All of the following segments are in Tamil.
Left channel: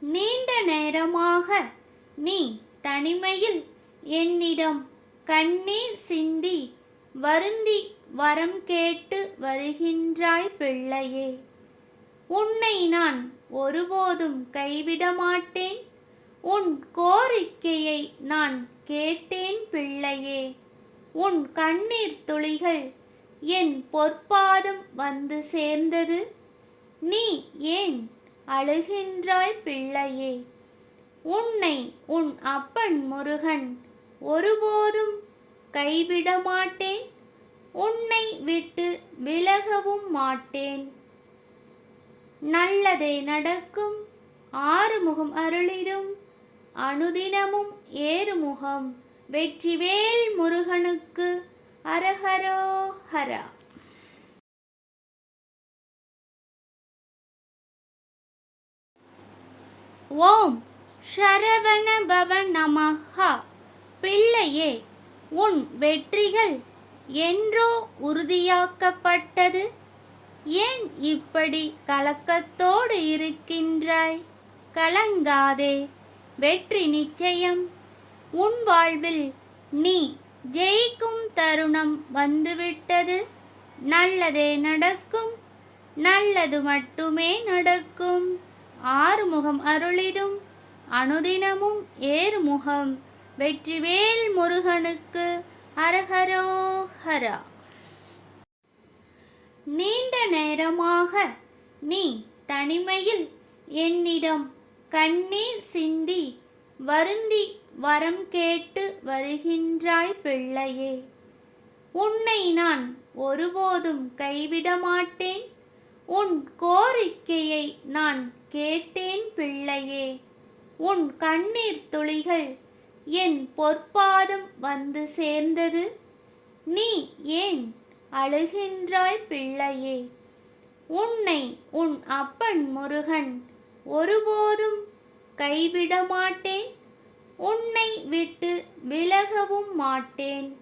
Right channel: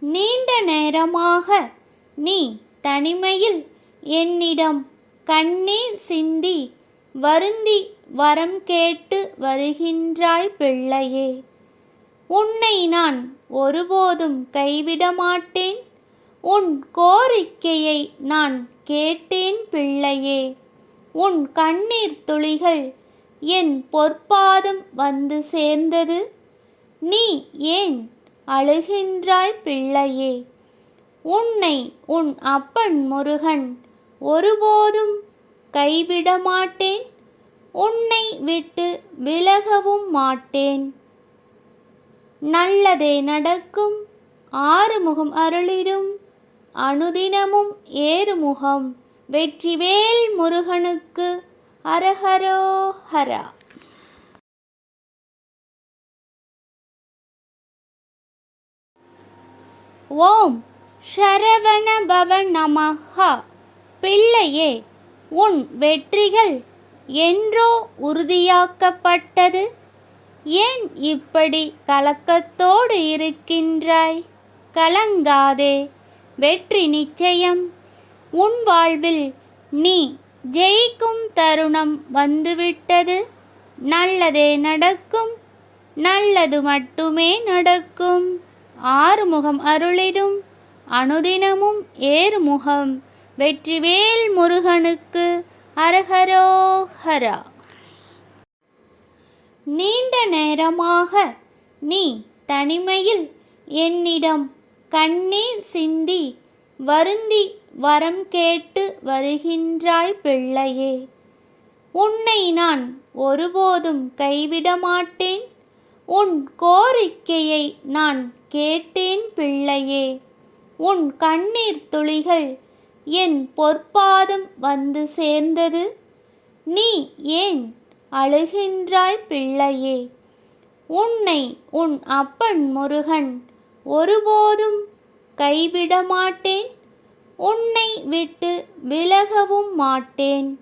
நீண்ட நேரமாக நீ தனிமையில் என்னிடம் கண்ணீர் சிந்தி வருந்தி வரம் கேட்டு வருகின்றாய் பிள்ளையே. உன்னை நான் ஒருபோதும் கைவிட மாட்டேன். உன் கோரிக்கையை நான் கேட்டேன் பிள்ளையே. உன் கண்ணீர் துளிகள் என் பொற்பாதம் வந்து சேர்ந்தது. நீ ஏன் அழுகின்றாய் பிள்ளையே? உன்னை உன் அப்பன் முருகன் ஒருபோதும் கைவிட மாட்டேன். உன்னை விட்டு விலகவும் மாட்டேன். நல்லதே நடக்கும். ஆறுமுகம் அருளிடும். அனுதினமும் ஏறுமுகம். வெற்றிவேல் முருகனுக்கு அரஹரோஹரா. ஓம் சரவண பவ நமஹ. பிள்ளையே, உன் வெற்றிகள் என்றோ உறுதியாக்கப்பட்டது. ஏன் இப்படி கலக்கத்தோடு இருக்கின்றாய்? கலங்காதே, வெற்றி நிச்சயம். உன் வாழ்வில் நீ ஜெயிக்கும் தருணம் வந்துவிட்டது. நல்லதே நடக்கும். நல்லது மட்டுமே நடக்கும். ஆறுமுகம் அருளிடும். அனுதினமும் ஏறுமுகம். வெற்றிவேல் முருகனுக்கு அரஹரோஹரா. நீண்ட நேரமாக நீ தனிமையில் என்னிடம் கண்ணீர் சிந்தி வருந்தி வரம் கேட்டு வருகின்றாய் பிள்ளையே. உன்னை நான் ஒருபோதும் கைவிட மாட்டேன். உன் கோரிக்கையை நான் கேட்டேன் பிள்ளையே. உன் கண்ணீர் துளிகள் என் பொற்பாதம் வந்து சேர்ந்தது. நீ ஏன் அழுகின்றாய் பிள்ளையே? உன்னை உன் அப்பன் முருகன் ஒருபோதும் கைவிட மாட்டேன். உன்னை விட்டு விலகவும் மாட்டேன்.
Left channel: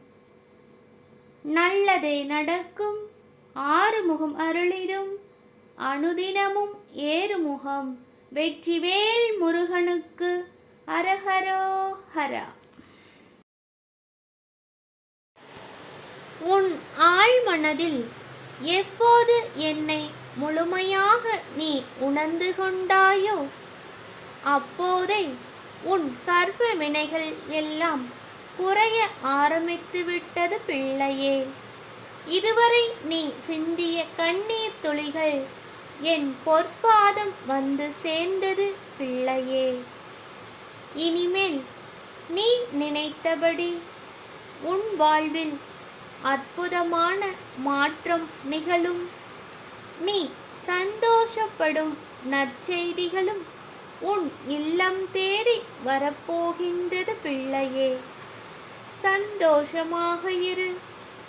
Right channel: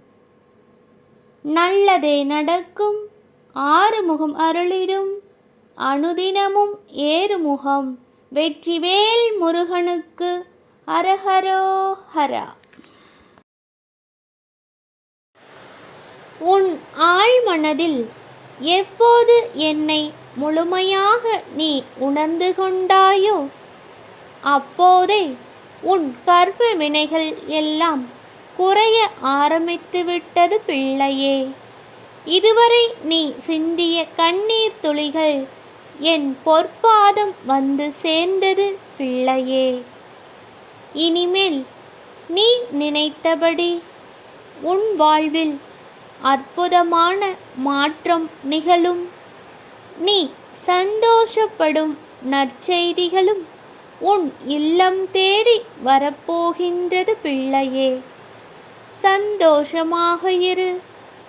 நல்லதே நடக்கும். ஆறுமுகம் அருளிடும். அனுதினமும் ஏறுமுகம். வெற்றிவேல் முருகனுக்கு அரஹரோஹரா. உன் ஆழ்மனதில் எப்போது என்னை முழுமையாக நீ உணர்ந்து கொண்டாயோ, அப்போதே உன் கர்ப்ப வினைகள் எல்லாம் குறைய ஆரம்பித்து விட்டது பிள்ளையே. இதுவரை நீ சிந்திய கண்ணீர் துளிகள் என் பொற்பாதம் வந்து சேர்ந்தது பிள்ளையே. இனிமேல் நீ நினைத்தபடி உன் வாழ்வில் அற்புதமான மாற்றம் நிகழும். நீ சந்தோஷப்படும் நற்செய்திகளும் உன் இல்லம் தேடி வரப்போகின்றது பிள்ளையே. சந்தோஷமாக இரு.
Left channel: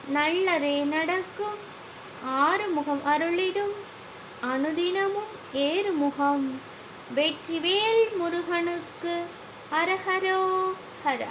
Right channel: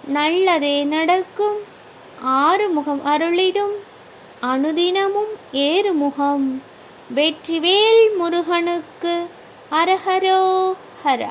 நல்லதே நடக்கும். ஆறுமுகம் அருளிடும். அனுதினமும் ஏறுமுகம். வெற்றிவேல் முருகனுக்கு அரஹரோஹரா.